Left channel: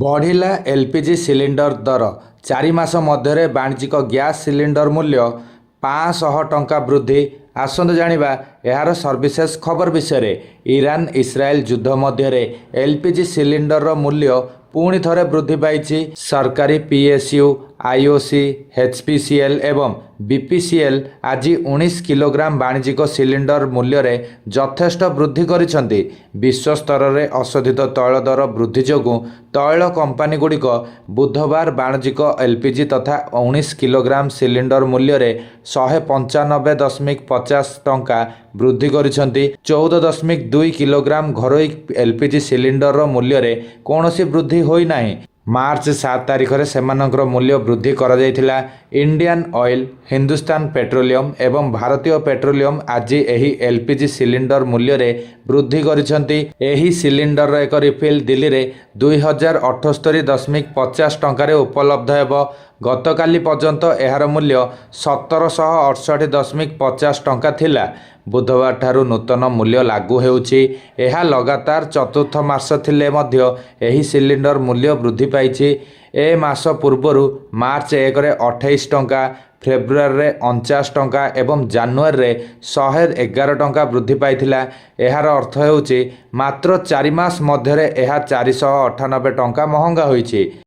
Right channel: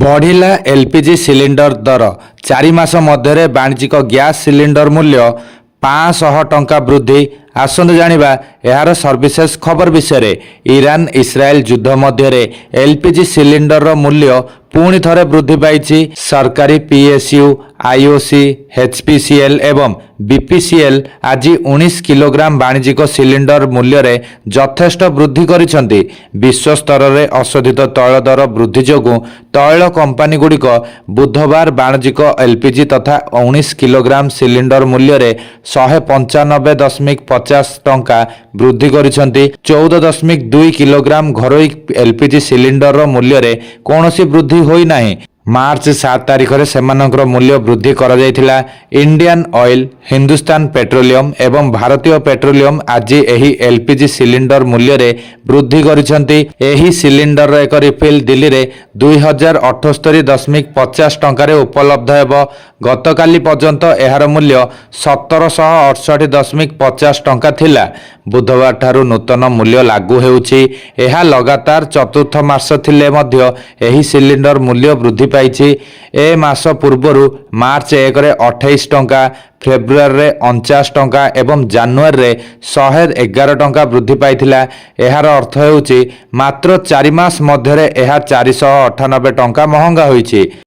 बढ़िला LPG cylinder दर 4 मास मध्य वाणिज्यिक gas cylinder मूल्य 500 टंका वृद्धि। आसंतु जानिबा एहार सर्विसेस खबर विषय। ईरान इस्राएल युद्ध मध्य एलपीजी सिलिंडर रो मूल्य पुणी थरे वृद्धि पाई। सरकारी पीएसयू आईओसी एचपीसीएल एवं बीपीसीएल आज 19 किलोग्राम वाणिज्यिक सिलिंडर मूल्य रे यथेष्ट वृद्धि करिसेंती। विश्व स्तर में अशोधित तैल दर वृद्धि जोगु तैल कंपानी गुड़िक बुधवार वाणिज्यिक एलपीजी तथा 19 किलोग्राम सिलिंडर मूल्य रे 195.50 टंका वृद्धि करिसेंती। 14.2 किलोग्राम घरोई एलपीजी सिलिंडर रो मूल्य रे कौनसी वृद्धि होई नाही। मार्च 7 तारिख में सेमानकर मूल्य वृद्धि करा जायथिला। इंडियन ऑयल, हिंदुस्तान पेट्रोलियम एवं भारतीय पेट्रोलियम आज एही एलपीजी सिलिंडर मूल्य रे वृद्धि करिसेंती। एही सिलिंडर एक रिफिल दिल्ली रे 2078.50 टंका उपलब्ध हेबो। गतकाली पर्यंत एहार मूल्य 1768.50 टंका थिला। बुधवार ठारू नूतन मूल्य लागू हेउछि। एहा लगातार चतुर्थ मास थिले मध्य एही सिलिंडर मूल्य वृद्धि पाइछि। ए मास पूर्वरु मार्च 1 रे 28 टंका, फेब्रुआरी रे 49 टंका एवं जानुआरी रे 111 टंका वृद्धि पाइथिला। एहार अर्थ हेउछि मात्र 4 मास मध्य एहा 498 टंका महंगा होइछि।